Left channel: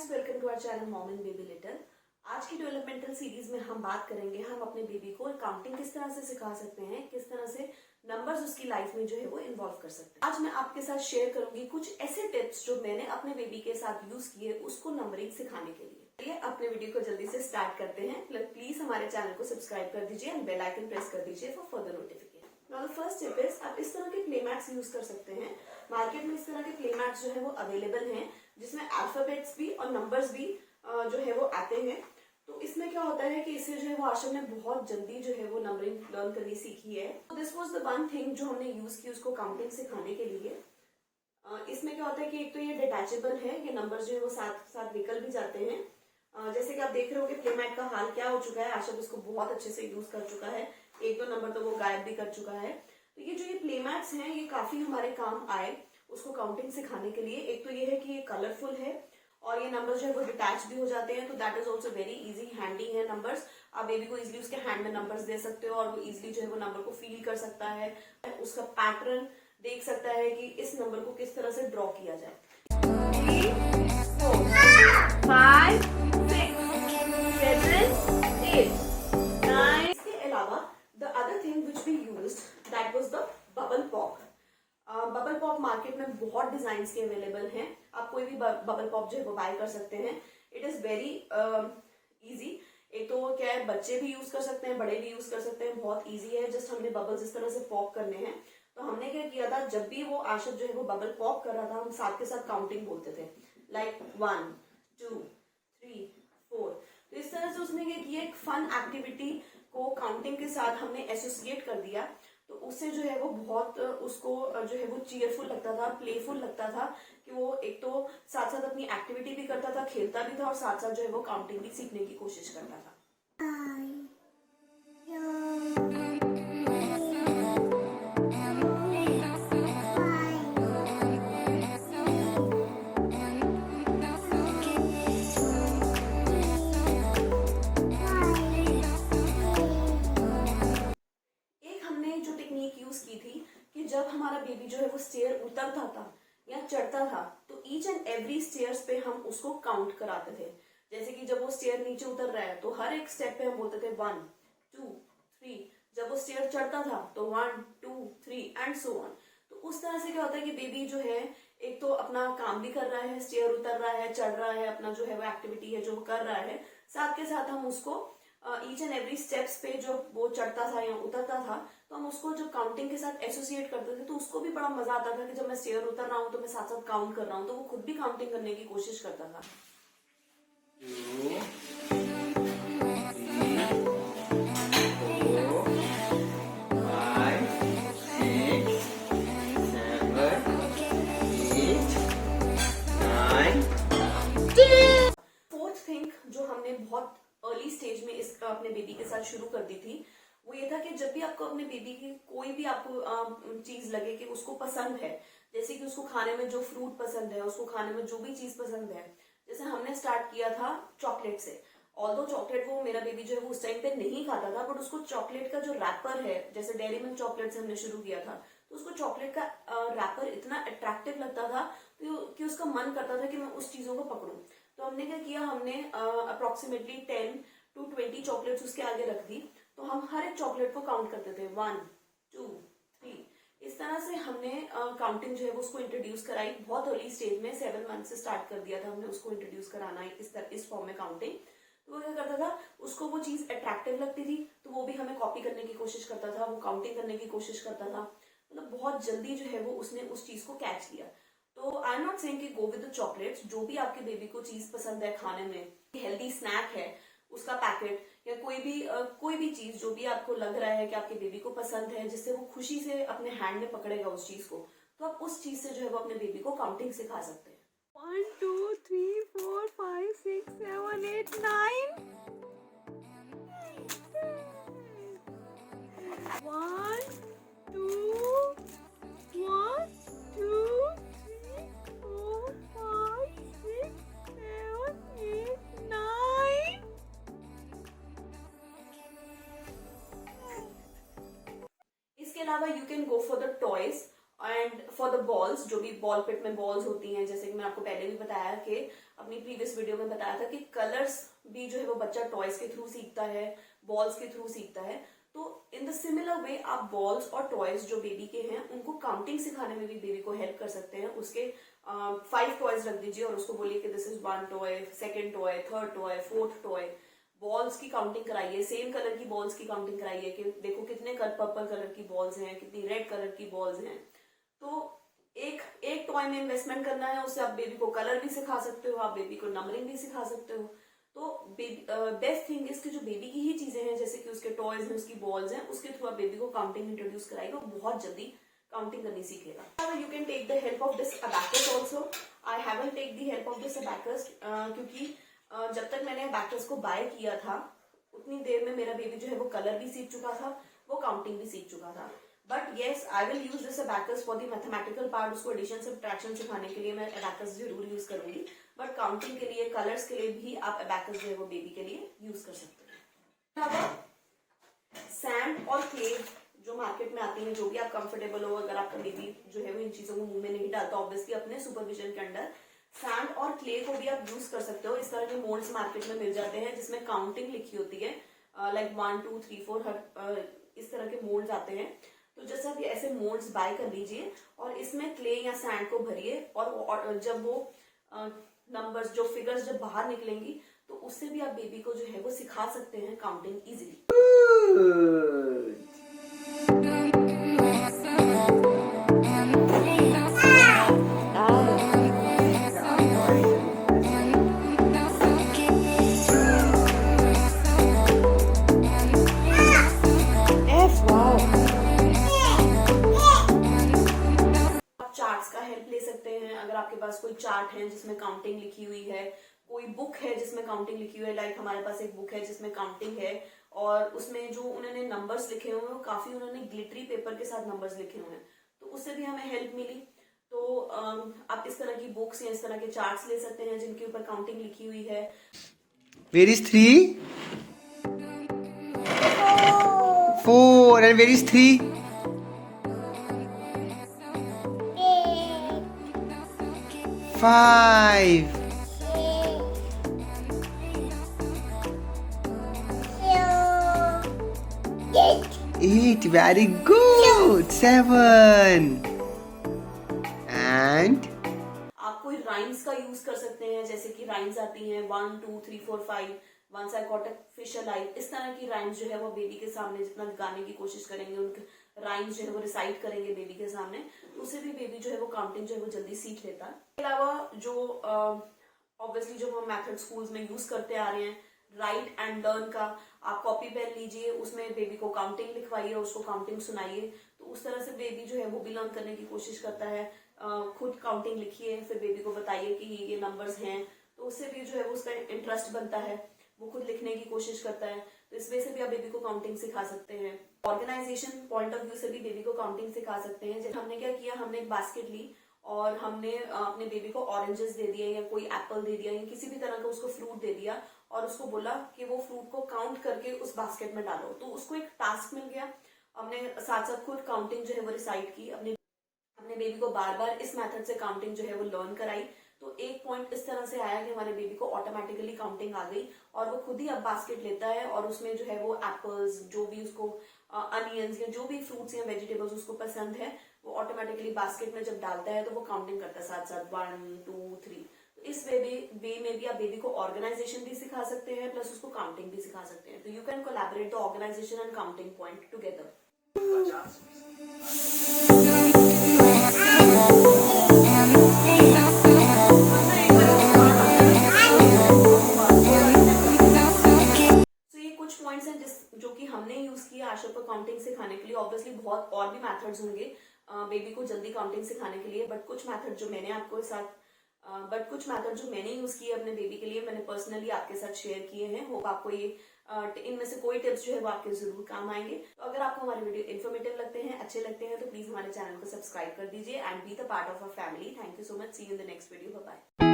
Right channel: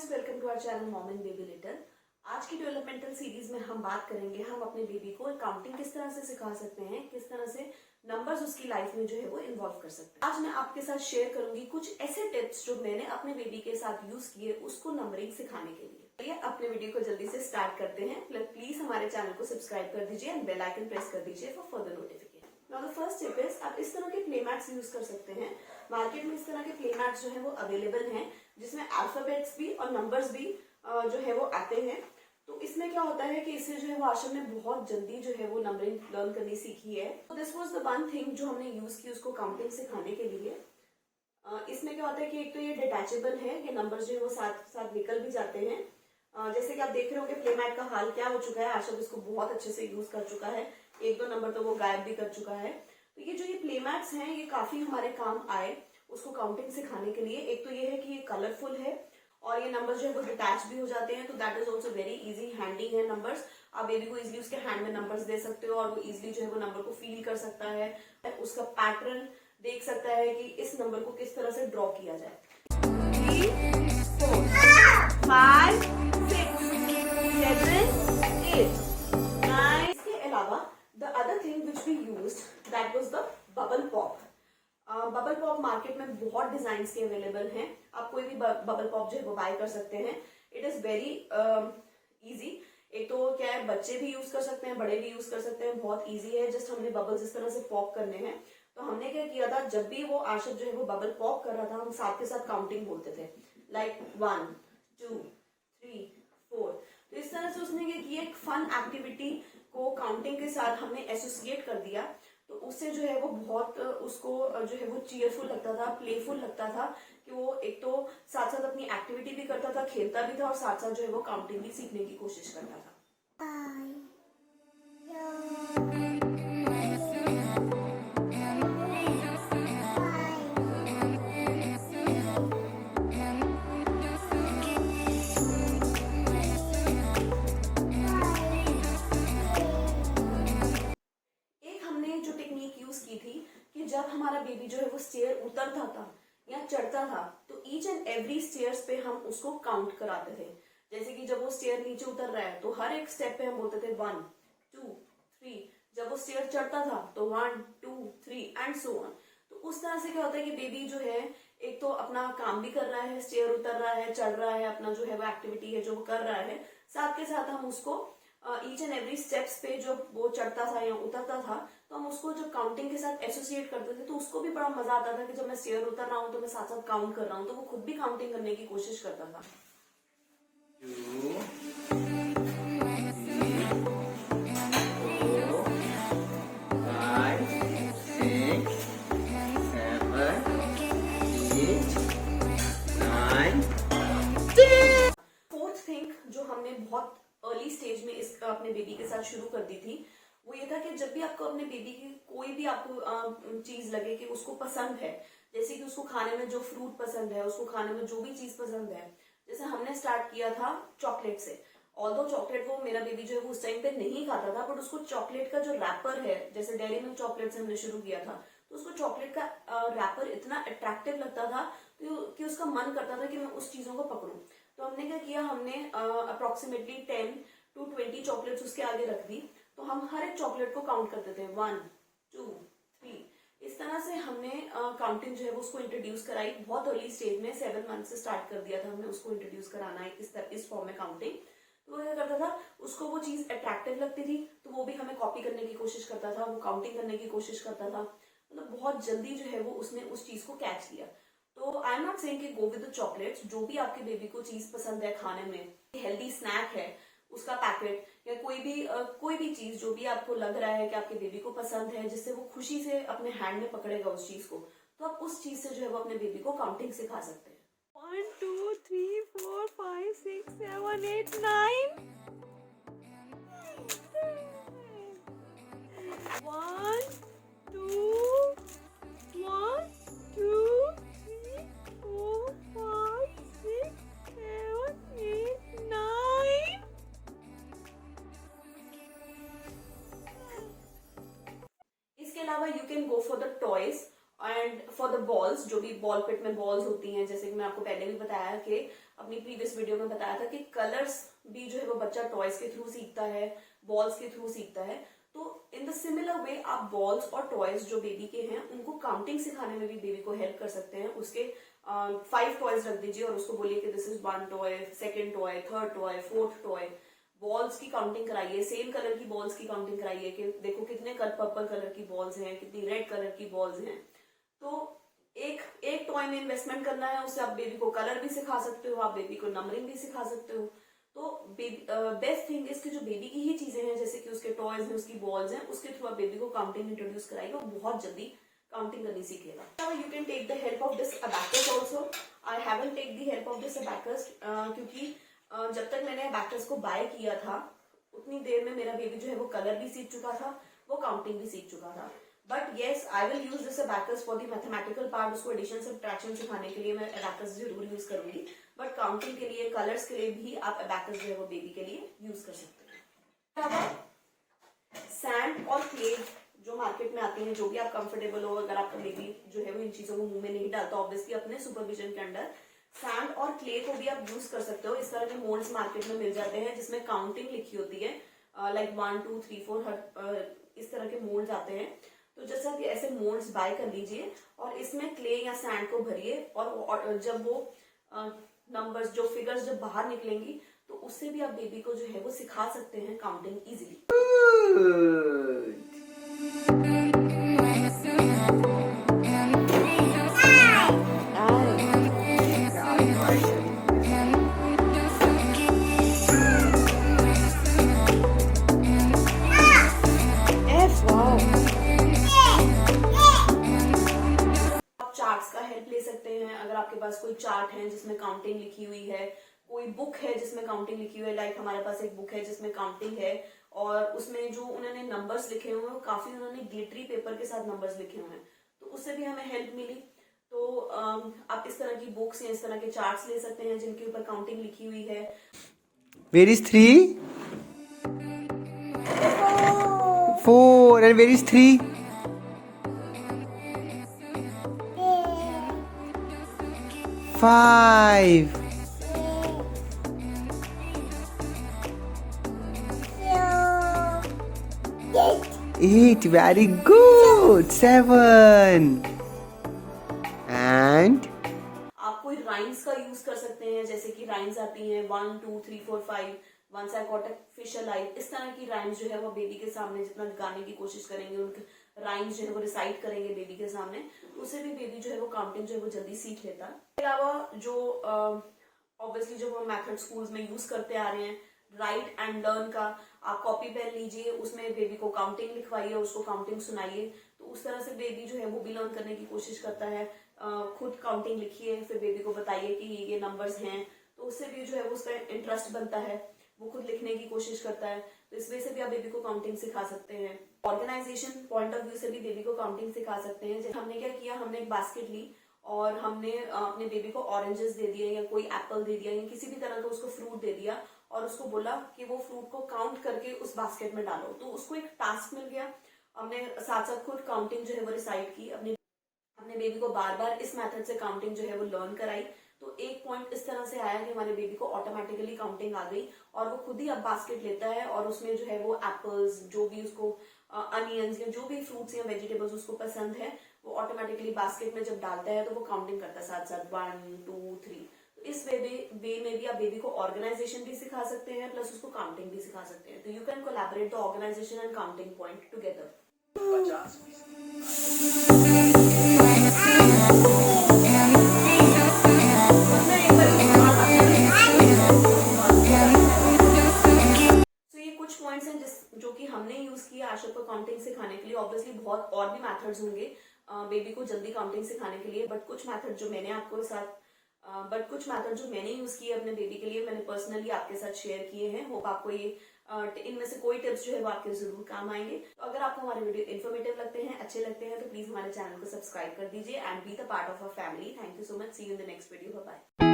Guys, welcome to our channel mom and baby little. आज की developmental series में हम बात करेंगे हम अपने बेबी को काउंटिंग किस तरह से सिखा सकते हैं, किस तरह से नंबर्स उसकी लाइफ में जो है वो इन्वॉल्व कर सकते हैं। आज मैं आपके साथ शेयर करूंगी कुछ ऐसे टिप्स जो मैंने अपने बेबी के साथ यूज किए उसको नंबरिंग सिखाने के लिए। चलिए अपने वीडियो को जल्दी से स्टार्ट करते हैं। प्लीज हमारे चैनल को सब्सक्राइब कर दीजिए एंड बेल आइकन प्रेस कर दीजिए for further notification. Now the first tip is, आप इस तरह के प्ले मैट्स यूज कर सकते हैं। मार्केट में इस तरह के प्ले मैट्स जो है वो अवेलेबल हैं, जिसमें अल्फाबेट्स भी और नंबर्स भी जो है वो आते हैं। तो इसमें क्या होता है कि इससे जो है वो आशा ने बहुत जल्दी जो है वो नंबरिंग लर्न करनी सीखी है। तो this was the one thing जो हमने यूज की उसको काउंटिंग सिखाने के लिए। इसमें क्या होता है कि एक तो ये डिटैचेबल है, ये नंबर जो है वो साथ साथ निकल भी जाते हैं। जैसे कि आप देख रहे हो कि प्ले मैट का हाल क्या हो चुका है, आशा इसको बहुत अच्छे से यूज कर चुका है, एक दो नंबर तो वो गायब भी कर चुका है। तो ये जो ये प्ले मैट्स हैं ये काफी हमारे काम आए उसको काउंटिंग सिखाने के लिए। एक तो ये है कि ये कलरफुल है और ये नंबर जो है वो डिटैच भी हो जाते हैं, तो that is also very easy handy है नंबर्स। आप बेबी को इजिली उसके हैंड में नंबर्स दे सकते हो और वो इजिली जो है वो नंबर को फील कर सकता है, उसका पैटर्न देख सकता है कि इस नंबर को किस तरह से ड्रॉ किया जाए। 3, 4, 5, 6, 7, 8, 9। इसके अलावा the other thing which we used that was the bubble pop. Bubble pop market में बहुत डिजाइन के अवेलेबल हैं, आप कोई भी बबल पॉप जो है वो बाय कर सकते हैं। It is very easy. एक तो क्या है, बच्चे भी यूज कर सकते हैं, बड़े भी यूज कर सकते हैं, बहुत इजी है। जस्ट हमने बबल्स इस तरह से पॉप करने हैं। तो हमने क्या किया था, जब भी वो आशब जो है वो बबल पॉप कर रहा था, हम साथ के साथ काउंटिंग बोलते थे, लाइक 1, 2, 3, 4। तो इस तरह से उसने ये किया, एक फन एक्टिविटी को काउंटिंग के साथ हमने एसोसिएट कर दिया। तो उससे जो है वो बहुत उसको जो है वो चीयरफुल लगता था, प्लेफुल लगता था कि वो एक तो साथ साथ अपनी एक्टिविटी भी करता था, खेलता भी था और साथ साथ जो है वो काउंटिंग भी सीखने की कोशिश करता था। जो टेक्निक यूज की थी कि जब हमारा बेबी जो है वो स्टेयर उतरता था या चढ़ता था, तो ईच एंड एवरी स्टेयर्स पे हम उसको काउंट कराते थे। जैसे कि जब वो स्टेयर नीचे उतर रहा है तो हर एक स्टेप पे हम बोलते थे 1, 2, 3। जब वो स्टेयर चढ़ता था तो 1, 2, 3 एंड सो ऑन। तो उस तरह से क्या होता है कि बेबी जो है एक तो अपना काम भी कर रहा है, स्टेयर उतर रहा है, चढ़ रहा है, अपना जो है वो एक्टिविटी है जो वो कर रहा है, साथ के साथ हम उसको ईच एंड एवरी स्टेप्स पे जो वो चढ़ता था या उतरता था तो हम उसको जो काउंटिंग के साथ एसोसिएट करते थे, तो उसको भी बड़ा मजा आता था कि जब मैं स्टेयर उतर रहा हूँ तो मैं साथ साथ काउंट कर रहा हूँ, तो वो खुद भी काउंटिंग करने की कोशिश करता था। 2, 3, 4, 5, 6, 7, 8, 9, 10। फोर्थ थिंग जो हमने बहुत अर्ली स्टेज में इस अपने बेबी के साथ शुरू कर दी थी, वो ये था कि जब भी आपको अपने बेबी की कोई भी आपको चीज लगे कि उसको पसंद है, जैसे कि उसको खाने में जो फ्रूट पसंद है, उसको खाने में जो भी चीज पसंद है, जैसे हमने स्टार्ट किया था चॉकलेट से। ऑल्दो चॉकलेट वो मेरा बेबी जो है वो उस टाइम पे नहीं खाता था, बट उसको चॉकलेट का जो रैपर है, जैसे डेयरी मिल्क चॉकलेट से हमने शुरू किया था, तो उसको चॉकलेट का रैपर इतना अट्रैक्टिव लगता था कि उसका मन करता था कि मैं उस चीजों को पकड़ूं। तो हमने क्या किया, हमने अप्रोक्सीमेटली 10 to 20 चॉकलेट्स उसके आगे रख दी। तो हम हर एक चॉकलेट को काउंट करते थे, 1, 2, 3। इस तरह से हमने काउंटिंग जो है वो उसको इंट्रोड्यूस कराई बहुत अर्ली स्टेज में। 7 मंथ से स्टार्ट कर दिया था हमने उसको इंट्रोड्यूस कराना है इस फॉर्म में काउंटिंग। तो वो क्या करता था, उसको वो चीज अट्रैक्टिव लगती थी तो वो भी हमें कॉपी करने की कोशिश करता था, वो काउंटिंग करने की कोशिश करता था। मतलब बहुत जल्दी जो है वो उसने उस चीज को कैच किया। तो आई एम नॉट सेइंग कि गो विद द चॉकलेट्स। जो भी आपके बेबी को चीज पसंद है खाने में, हेल्दी स्नैक है उसका पैकेट या कोई भी चीज जो भी आपको लग रहा है कि आपके बेबी को पसंद है, जिससे वो खुशी से अपने हैंड में पकड़ेगा उस चीज को, तो आप उस चीज से जो है वो अपने बेबी को काउंटिंग सिखा सकते हैं। 1, 2, 3, 4, 5, 6, 7, 8, 9, 1, 2, 1, 2, 3, 4, 5, 6, 7, 8, 9. इसके अलावा you can go for the toys. And for the balls, जो भी बॉल पिट में बॉल्स होती हैं, जैसे कि मैं आपको पहले भी बताया कि अपनी प्रीवियस वीडियो में बताया था कि कलर्स भी जो है वो बच्चा टॉयज के थ्रू सीखता है, बॉल्स के थ्रू सीखता है। तो इन द सिमिलर वे आप बॉल्स और टॉयज जो बेबी के हैं उनको काउंटिंग सिखाने में भी बेबी को हेल्प कर सकते हैं। उसके 5 टॉयज रख दीजिए और उसको बोलिए कि this is 1 toy, 2nd toy, 3rd toy, 4th toy. Balls की काउंटिंग कराइए, सेम कलर की बॉल्स की काउंटिंग कराइए कि देखो कितने पर्पल कलर की बॉल्स हैं, कितनी रेड कलर की बॉल्स हैं। तो एक टॉय में इन्वेस्टमेंट करना है, उससे आप बेबी को कलर भी सिखा सकते हो, आप बेबी को नंबरिंग भी सिखा सकते हो। तो बेस्ट थिंग इज कि जो बेबी की ही चीजें हैं, जैसे कि उसके टॉयज हैं, उसकी बॉल्स हैं, उसके थ्रू आप बेबी को काउंटिंग इंट्रोड्यूस कराइए, वो बहुत जल्दी काउंटिंग करनी सीखेगा। You can take the help of this abacus also. I haven't take the help of this abacus क्योंकि जब तक मैंने अबैकस को बाय किया था उतनी देर में मेरा बेबी जो है वो कलर भी सीख चुका था, वो काउंटिंग भी सीख चुका था। But yes, I will use this abacus for the mathematical part. उसको एडिशन सब्ट्रैक्शन सिखाने के लिए मैं अबैकस जरूर यूज करूंगी, बट काउंटिंग के लिए, कलर्स के लिए भी आप अबैकस जो है वो बेबी के लिए यूज कर सकते हैं। सैंड और क्ले जो मार्केट में आते हैं, जो भी आप कंफर्टेबल हो, अगर आपका बेबी जो है वो इन चीजों को मुंह में नहीं डालता, ऑब्वियसली अपने सुपरविजन के अंडर सैंड और क्ले को भी आप यूज कर सकते हो। इस तरह के मोल्ड्स मार्केट में मिल जाते हैं जिसमें काउंटिंग लिखी होती है, लाइक 1 2 3 4 इस तरह के मोल्ड्स आते हैं। तो जैसे आप ऐसे मोल्ड्स बाय कर लीजिए और इसमें क्ले या सैंड को भरिए और जब वो नंबर्स, जो फिगर्स जब बाहर निकलेंगी तो उससे भी आप बेबी को जो है वो सिखा सकते हैं काउंटिंग इजीली। चार्ट्स का हेल्प ले सकते हैं। अगर आपके पास कोई चार्ट है जिसमें काउंटिंग लिखी हुई है, कोई बुक है जिसमें काउंटिंग लिखी हुई है, लाइक हमारे पास एक बुक है जिसमें काउंटिंग है और उसमें जो उन्होंने नंबर्स लिखे हुए हैं वो काफी उन्होंने ग्लिटरी पेपर के साथ नंबर्स लिखे हुए हैं, तो उससे भी हमें हेल्प मिली। तो आप इस तरह की बुक्स या इस तरह के चार्ट्स ले सकते हैं जिनके ऊपर काउंटिंग लिखी हुई है। Where is 3? 4. And where is 3? 5. 8. Very good. 7. And आप कोई राइम्स का यूज कर सकते हैं, जैसे कि राइम्स आती हैं 1 2 3 4 5, once I caught a fish alive. इस तरह की राइम्स जो है वो बेबी के सामने जितना गाने की कोशिश करेंगे, उनके राइम्स जो है वो रिसाइट करेंगे बेबी के सामने, तो उससे भी बेबी जो है वो काउंटिंग जो है वो जल्दी सीख लेता है। इसके अलावा जो ऑब्वियसली जो हम मेथड स्कूल्स में यूज करते आ रहे हैं, राइट एंड लर्न का, आप कॉपी पेन लीजिए, उसमें बेबी को काउंटिंग लिखवाइए, उसको काउंटिंग सुनाइए, तो उस तरह से बेबी जो है वो भी लर्न करने की कोशिश करता है। खुद काउंटिंग लिखिए, फिर बेबी को बताइए कि ये नंबर्स हैं, तो उससे भी जो है वो उसका इंटरेस्ट बनता है, वो खुद लिखने की कोशिश करता है। तो इस वजह से भी आप बेबी को काउंटिंग सिखा सकते हैं। ऑर्गेनाइजेशन पॉइंट ऑफ व्यू से भी बेबी को काउंटिंग सिखा सकते हैं। हमने क्या किया, हमने एक बास्केट ली और हमने अपने बेबी को ऑरेंजेस दे दिए या कोई एप्पल दे दिया या किसी भी तरह का उसको फ्रूट दे दिया और उसको बोला कि वो फ्रूट को काउंट करके उस बास्केट में डालो, तो उसको एक टास्क मिल गया। हमने साथ साथ खुद काउंटिंग जो है वो रिसाइट की, अपने बेबी को बार बार इस मेथड से काउंटिंग जो है वो लर्न कराई। तो एक पॉइंट इस तरह से आया कि हमारे बेबी को ऑटोमेटिकली काउंटिंग आ गई और वो खुद ही अब बास्केट लेता है और उसमें जो है वो एप्पल्स, जो भी उसको अनियंस या जो भी फ्रूट्स या वेजिटेबल्स उसको पसंद है, वो ऑटोमेटिकली बास्केट में जब डालता है तो वो काउंटिंग करता है साथ साथ 1 2 3। तो इस वे में भी आप बेबी को ऑर्गेनाइजेशन भी सिखा सकते हैं प्लस उसको काउंटिंग भी सिखा सकते हैं। तो you can collaborate the organisation and counting point together. Points हैं जो कि हमने यूज किया आशा को काउंटिंग सिखाने के लिए। ऑब्वियसली बहुत और भी मेथड्स होंगे बेबी को जल्दी काउंटिंग सिखाने के लिए, बट कुछ मेथड जो मैंने यूज किए अपने बेबी के लिए, मैंने पर्सनली आपके साथ शेयर किए हैं। होप आपको ये इनमें से कोई टिप्स जो है वो आपके जरूर काम आएंगे। तो अगर आपको हमारे वीडियो इन्फॉर्मेटिव लगते हैं, अच्छे लगते हैं, तो प्लीज हमारे चैनल को सब्सक्राइब कर दीजिए and be the part of our family. Thank you so much. See you in the next video. Bye bye.